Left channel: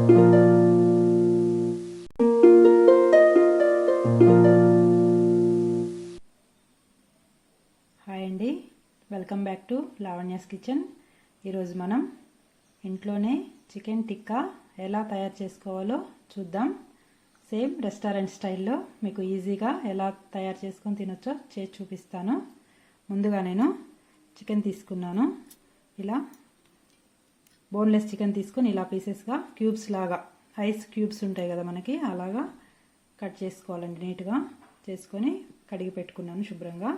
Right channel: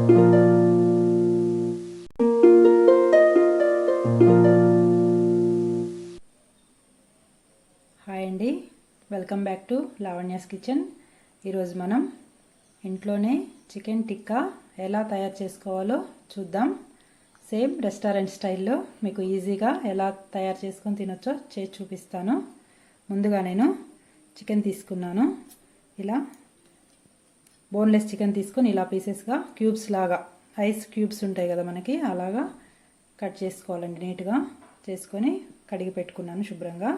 Hi అండి, welcome back to Lavanya's kitchen. ఈరోజు మనం ఇంట్లోనే చికెన్ టిక్కా ఎలా తయారు చేసుకోవాలో చూద్దాం. సేమ్ రెస్టారెంట్ స్టైల్లో మీకు ఈజీగా ఎలా తయారు చేసుకొని తినొచ్చో చేసి చూపిస్తాను. ముందుగా నేను చికెన్ తీసుకున్నాను. ఇలా బోన్లెస్ చికెన్ తీసుకొని ఇలా పీసెస్గా క్యూబ్స్ లాగా, ఐస్ క్యూబ్స్ ఉంటాయి కదా మనకి, అలాగా కట్ చేసుకోవాలండి. నీట్గా చేసుకొని కడిగి పెట్టుకున్నాను శుభ్రంగా.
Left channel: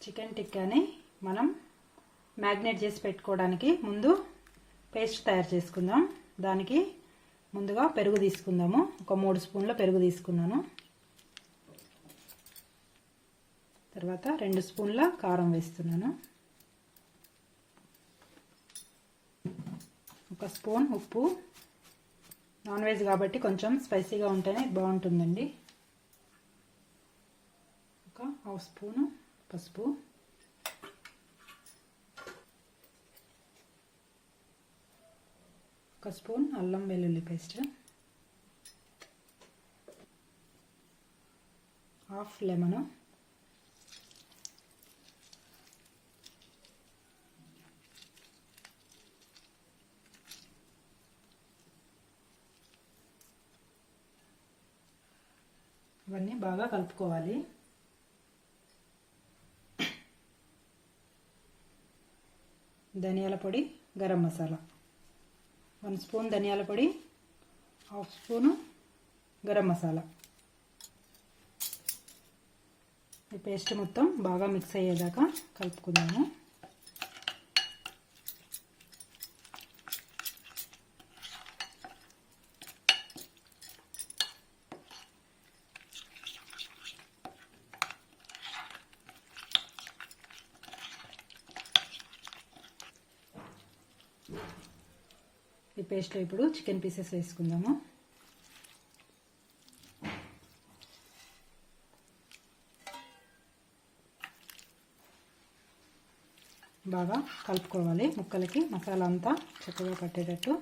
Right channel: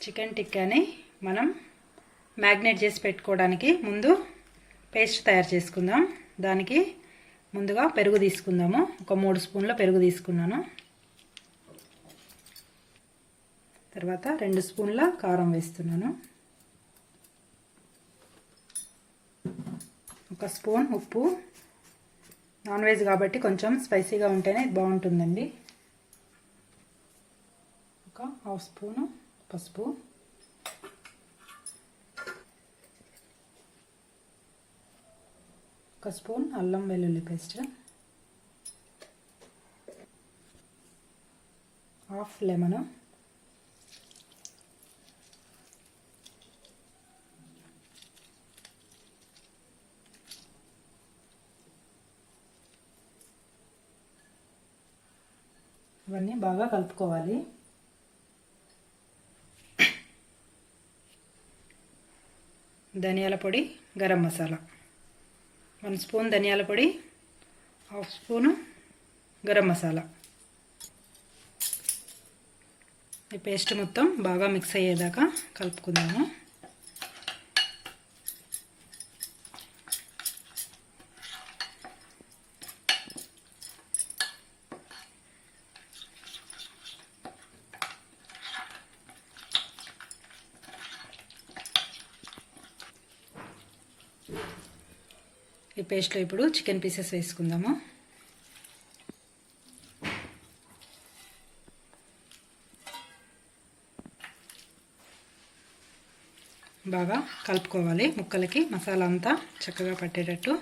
చికెన్ టిక్కాని మనం మ్యాగ్నేట్ చేసి పెట్టుకోవడానికి ముందు పేస్ట్ తయారు చేసుకుందాం. దానికి ముందుగా పెరుగు తీసుకుందాము. ఒక 3 స్పూన్ల పెరుగు తీసుకున్నాను. తర్వాత 2 స్పూన్ల కారం వేస్తున్నాను. 1 స్పూన్ ఉప్పు. నాన్ వెజ్ కాబట్టి కొంచెం స్పైసీగా ఉంటేనే బాగుంటుందండి. 1/2 స్పూను పసుపు, 1 స్పూన్ అల్లం వెల్లుల్లి పేస్ట్, 1/2 లెమన్, ఇవన్నీ బాగా కలుపుకోవాలి. ధనియాల పొడి, గరం మసాలా, 1 స్పూన్ ధనియాల పొడి, 1/2 స్పూను గరం మసాలా. ఈ పేస్ట్ మొత్తం బాగా మిక్స్ అయ్యేదాకా కలుపుకుందాము. ఈ పేస్ట్లో ఇప్పుడు చికెన్ పీసెస్ వేసుకుందాము. బాగా కలుపుకోవాలి. ముక్కలకి మసాలా అంతా చక్కగా పట్టేటట్టు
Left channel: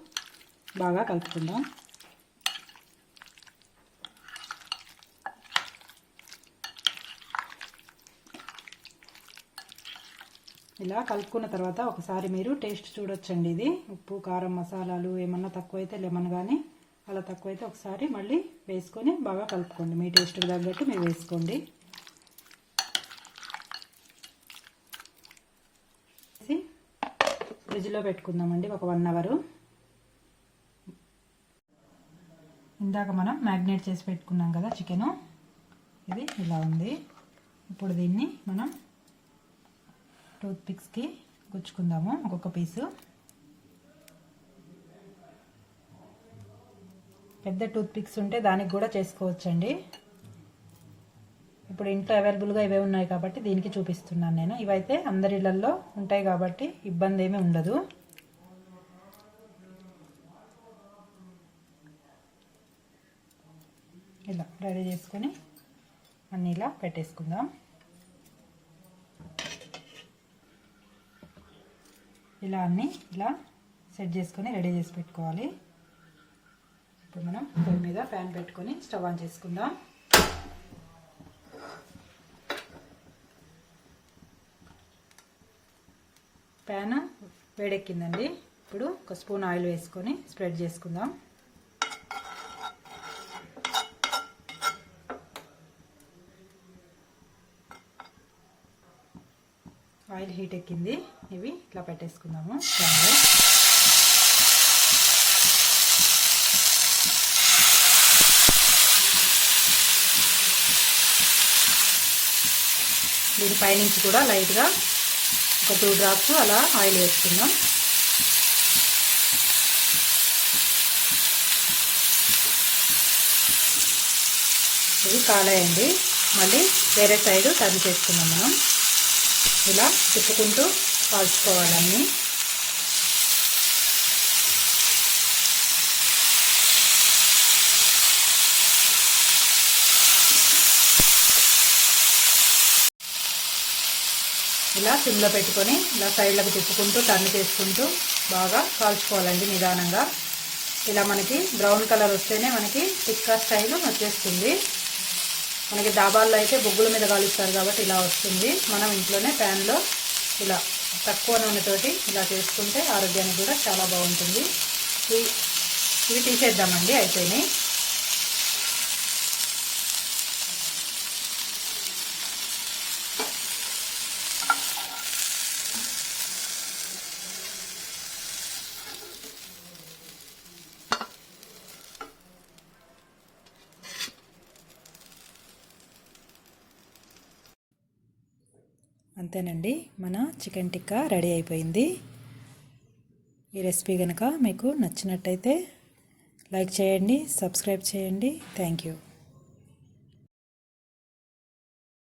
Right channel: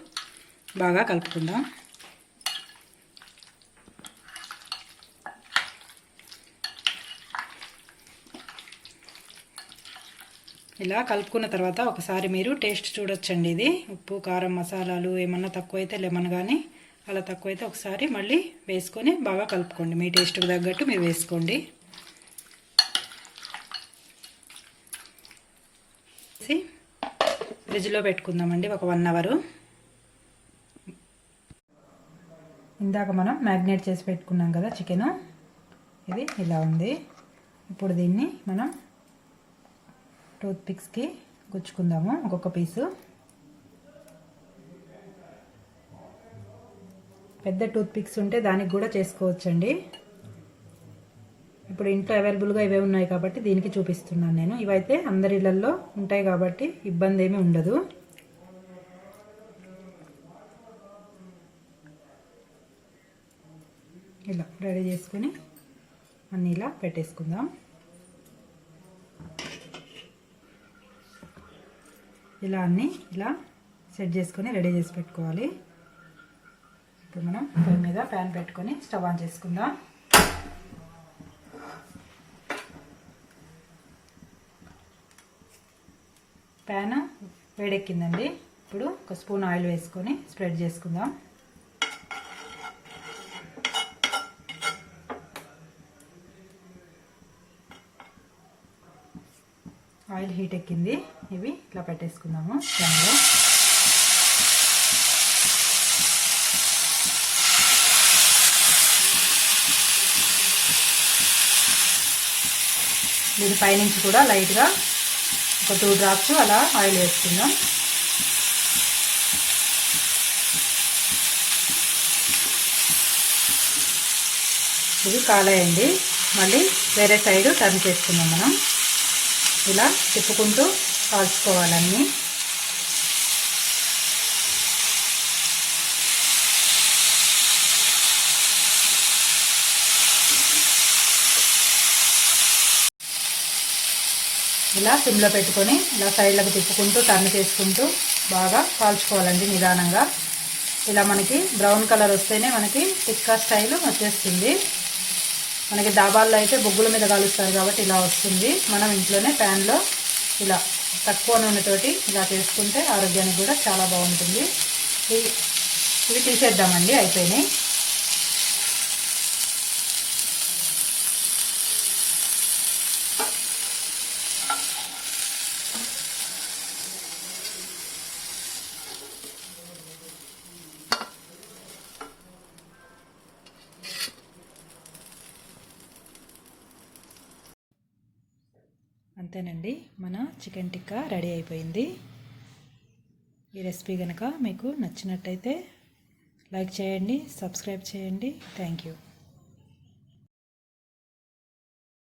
బాగా కలుపుకుందాం. ఇలా కలుపుకున్న తర్వాత ఒకసారి మీరు టేస్ట్ చూడొచ్చండి. ఇది ఉప్పు, కారం, మసాలాలు ఏమన్నా తక్కువైతే లెమన్ కానీ అలా తక్కువైతే ఒకసారి మళ్ళీ వేసుకొని బాగా కలుపుకోండి. మీ టేస్ట్కి తగ్గట్టు మీరు వేసుకోండి. ఫ్రిడ్జ్లో పెట్టుకుందామండి ఒక 1 అవర్. ఇందాక మనం మ్యాగ్నేట్ చేసి పెట్టుకున్నాం కదా చికెన్, ఇది ఇలా ఉంది. ఇప్పుడు దీన్ని మనం టూత్ పిక్స్కి గుచ్చుకుందాము. ఒక్కొక్క పీసు. పెద్ద టూత్ పిక్స్ ఉంటే దానికి కూడా చేసుకోవచ్చండి. ఇప్పుడు ఇంట్లో అవైలబుల్గా ఇవే ఉన్నాయి కాబట్టి దీనికి చూపిస్తున్నాను నేను. ఇవైతే అందరి ఇళ్లల్లో ఉంటాయి కాబట్టి ఇబ్బంది ఏమీ ఉండదు. ఇలా రెడీ చేసుకొని అన్నీ ఇలా పెట్టేసుకుందాం. ఇలా అన్నీ ఇలా సెట్ చేసుకొని రెడీ చేసి పెట్టుకోవాలి. ఇప్పుడు మనం పొయ్యి మీద ప్యాన్ పెట్టుకొని స్టవ్ ఆన్ చేసుకుందాం. ప్యాన్ వేడెక్కిందండి. ఇప్పుడు 1 స్పూన్ ఆయిల్ వేసుకొని స్ప్రెడ్ చేసుకుందాం. ఆయిల్ హీట్ ఎక్కింది. ఇవి ఇట్లా పెట్టేసుకుందాము ప్యాన్లో. దీని పైనుంచి కూడా లైట్గా ఒక 2 డ్రాప్స్ అలా ఆయిల్ వేసుకుందాం. ఇది కాలేయండి. మళ్ళీ వేరే సైడ్ టర్న్ చేసుకుందాం. మనం ఇలా తిప్పుకుంటూ కాల్చుకోవాలన్నీ. ఇలా సిమ్లో పెట్టుకొని ఇలా సైడ్లకు తిప్పుకుంటూ టర్న్ చేసుకుంటూ బాగా కాల్చుకోవాలండి నిదానంగా. ఇలా మనకి బ్రౌన్ కలర్ వస్తేనే మనకి టిక్కా స్టైల్ వచ్చేస్తుంది. మనకి దాబాల్లో అయితే బొగ్గుల మీద కాలుస్తారు కాబట్టి ఇలా వస్తుంది. మనం ఇంట్లోనే ప్యాన్లో ఇలా తక్కువ నూనెతోటి ఇలా చేసుకుంటే ఆరోగ్యానికి కూడా చాలా బాగుంటుంది. ఇవి తీసేద్దామండి, అయిపోయినాయి. అంతేనండి, మన చికెన్ టిక్కా రెడీ అయిపోయింది. ఈ రెసిపీ కనుక మీకు నచ్చినట్టయితే లైక్ చేయండి, సబ్స్క్రైబ్ చేయండి. Thank you.